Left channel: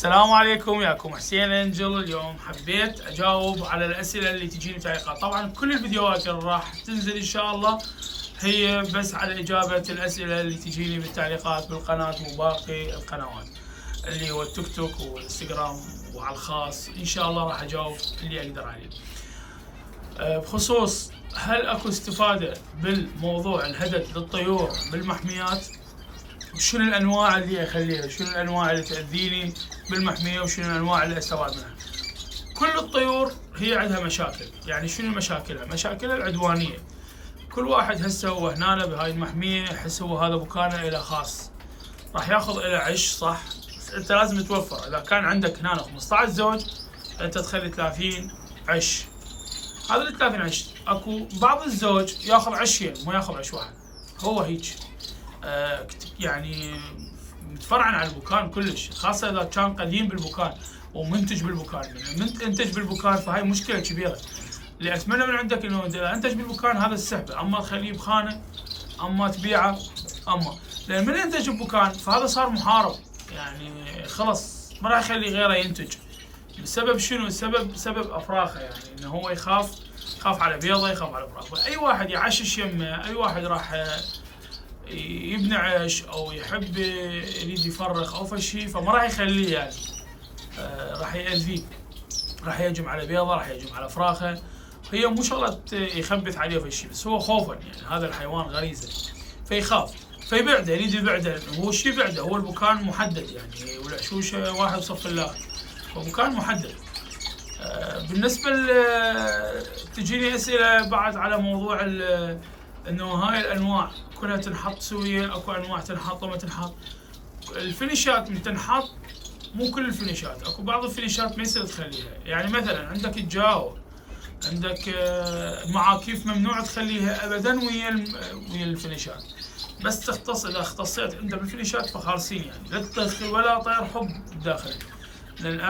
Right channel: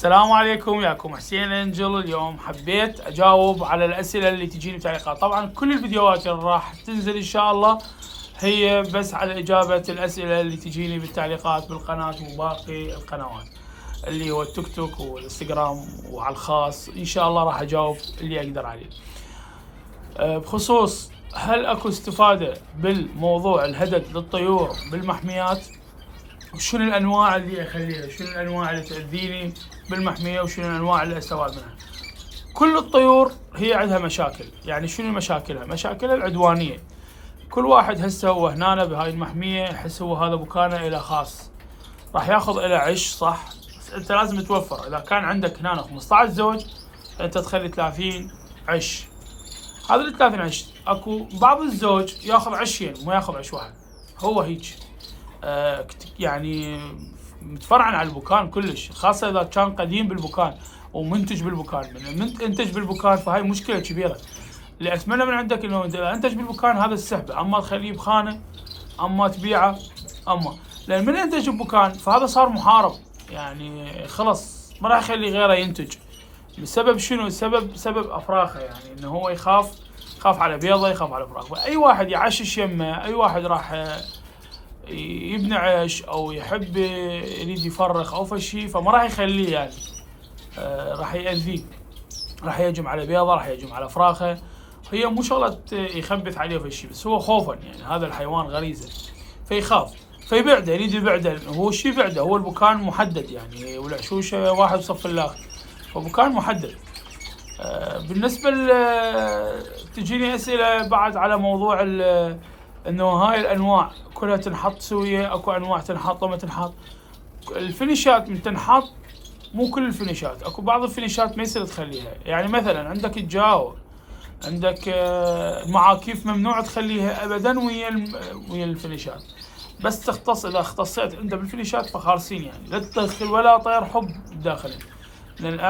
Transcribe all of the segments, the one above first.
السلام عليكم، ياكم حسين انجل. اليوم حبيت اجاوب على الاسئله اللي تجيني تعليقات. طبعا كل الفيديوهات اللي راح تنزل ان شاء الله هي بس على اجابه الاسئله اللي تجيني بالتعليقات بالقناه وباقي القنوات اللي هو التيك توك والانستغرام وعلى الخاص. ان شاء الله راح اجاوب اللي اقدر عليه. بخصوص هل اكو استفاده بالموضوع الهدد للطيور بالمحميات، وشنو الانواع اللي اخليها، شنو الانواع اللي تاذيني بالمحميه، وشنو الانواع اللي استفاد منها. كل الطيور هي عندها مشاكل. يعني شنو مشاكلها؟ مشاكلها العدوانيه. كل واحد هسه هو هنا بهاي المحميه يحس هو هذا بكانه له خاص، راح ياخذ له عش، صح؟ بس انت لازم توفر. اذا كان عندك هنا 15 زوج انت تخلي 30 عش. هذا ال 30 عش اكو بعض الزوج ياخذ عشين مو ياخذ عش واحد. هو هيك يعني متفرعن على البكان كلش، خاصه اذا كان قديم بالبكان ومنتج بالبكان. من انتج بالبكان فهاي مشكله كبيره. اللي اتمنى من عندك انه اذا انتج بالبكان هذا السحبه، اما تخليه بخانه اما تبيعه، اما لان من ينتج ببكان فهذا صار محارب. يعني خلص ما راح يخلي غيره ينتج. بسبب شنو؟ سبب افراخه. يعني انه هو يخاف على بيضه، يخاف على فراخه. اي واحد يعشش يمه، اي واحد راح يبني عيش او يحب يريد يفرخ او فشي فما راح يخليه. يعني راح يأذيه، راح يهجم على بيضه، راح يهجم على فراخه. هي مو شغله يخبث عليه فشي، بس هو خوفا. يعني هذا الحيوان غريزه فيخاف فيبعده، يريد يبعده. هو شي يبعده؟ هو المكان محدد يعني، والعشوشه واحد صف الاخر، فمكان محدد. بالنسبه تجيني اسئله بعد على موضوع انه هاي الانواع كلها تنحط سويه، اكو انواع تنحط وما تنحط. الفينيشات من تنحط، مو كل الفينيشات، اكو بعض الفينيشات ما يصير تخليها. يعني مثلا عندك الجاو، عندك معاكيف ممنوع تخليها ابدا ويا الفينيشات. بس تختص، اذا اختصيت عنده بالفينيشات فخالصين. يعني لا تدخل ولا طير حب داخل، لان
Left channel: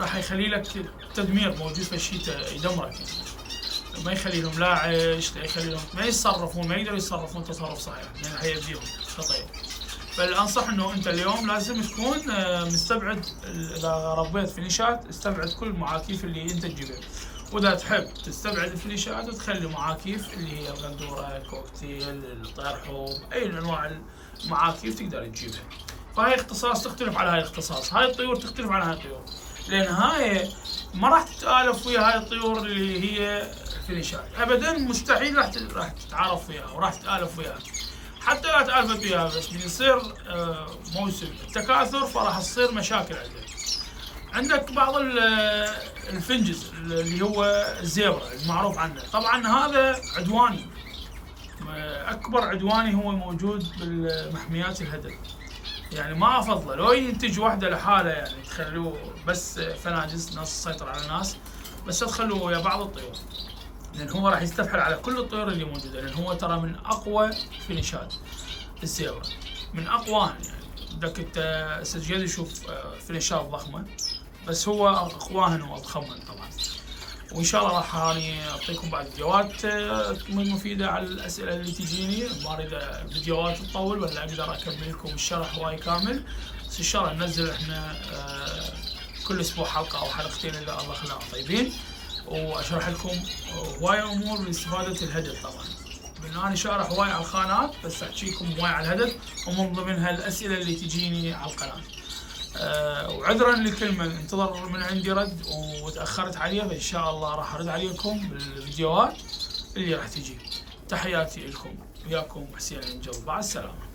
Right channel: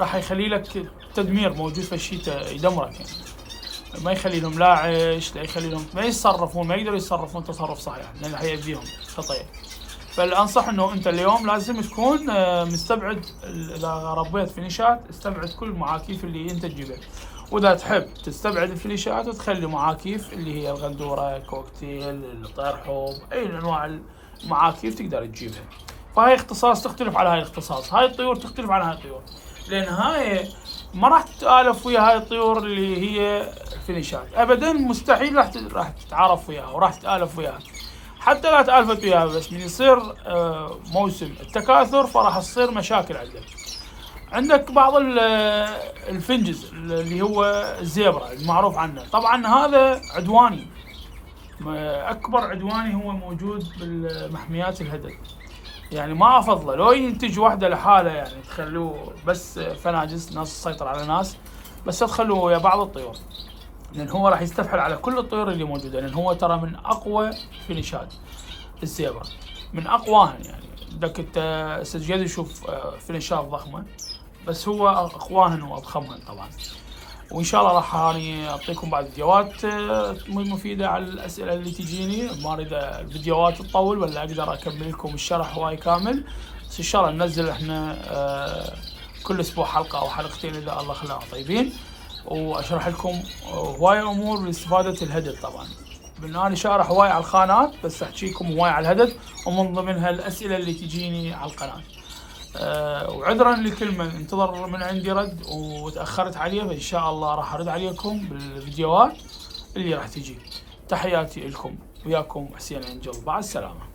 راح يخلي لك تدمير موجود في الشتاء يدمرك. يعني ما يخلي لهم لا عيش، لا يخلي لهم ما يتصرفون، ما يقدروا يتصرفون تصرف صحيح، لان حيأذيهم كطير. فالانصح انه انت اليوم لازم تكون مستبعد. اذا ربيت فينيشات استبعد كل المعاكيف اللي انت تجيبها. واذا تحب تستبعد الفينيشات وتخلي معاكيف اللي هي الغندوره، الكوكتيل، الطير حوب، اي انواع المعاكيف تقدر تجيبها. فهاي اختصاص تختلف على هاي الاختصاص، هاي الطيور تختلف عن هاي الطيور، لان هاي ما راح تتآلف ويا هاي الطيور اللي هي فينيشات ابدا. مستحيل راح تتعارف وياها وراح تتآلف وياها. حتى لا تآلفت وياها بس يصير موسم التكاثر فراح تصير مشاكل عندك. عندك بعض الفنجز اللي هو الزيبرا المعروف عنه، طبعا هذا عدواني. اكبر عدواني هو موجود بالمحميات الهدد. يعني ما افضله لو ينتج واحده لحاله، يعني تخلوه بس فناجس، ناس تسيطر على ناس، بس تخلوه ويا بعض الطيور، لان هو راح يستفحل على كل الطيور اللي موجوده. لان هو ترى من اقوى فينيشات الزيبرا، من اقواها. يعني بدك انت سجل شوف فينيشات ضخمه، بس هو اقواهن واضخمهن طبعا. وان شاء الله راح اني اعطيكم بعض فيديوهات مفيده على الاسئله اللي تجيني. ما اريد الفيديوهات تطول ولا اقدر اكمل لكم الشرح هواي كامل، بس ان شاء الله ننزل احنا كل اسبوع حلقه او حلقتين اذا الله خلاهم طيبين، واشرح لكم هواي امور لاستفاده الهدد. طبعا انا شارح هواي على الخانات، بس احكيكم هواي على الهدد، ومن ضمنها الاسئله اللي تجيني على القناه. وعذرا لكل من انتظر من عندي رد وتاخرت عليه، فان شاء الله راح ارد عليكم بالفيديوهات اللي راح تجي. تحياتي لكم، وياكم حسين انجل، مع السلامه.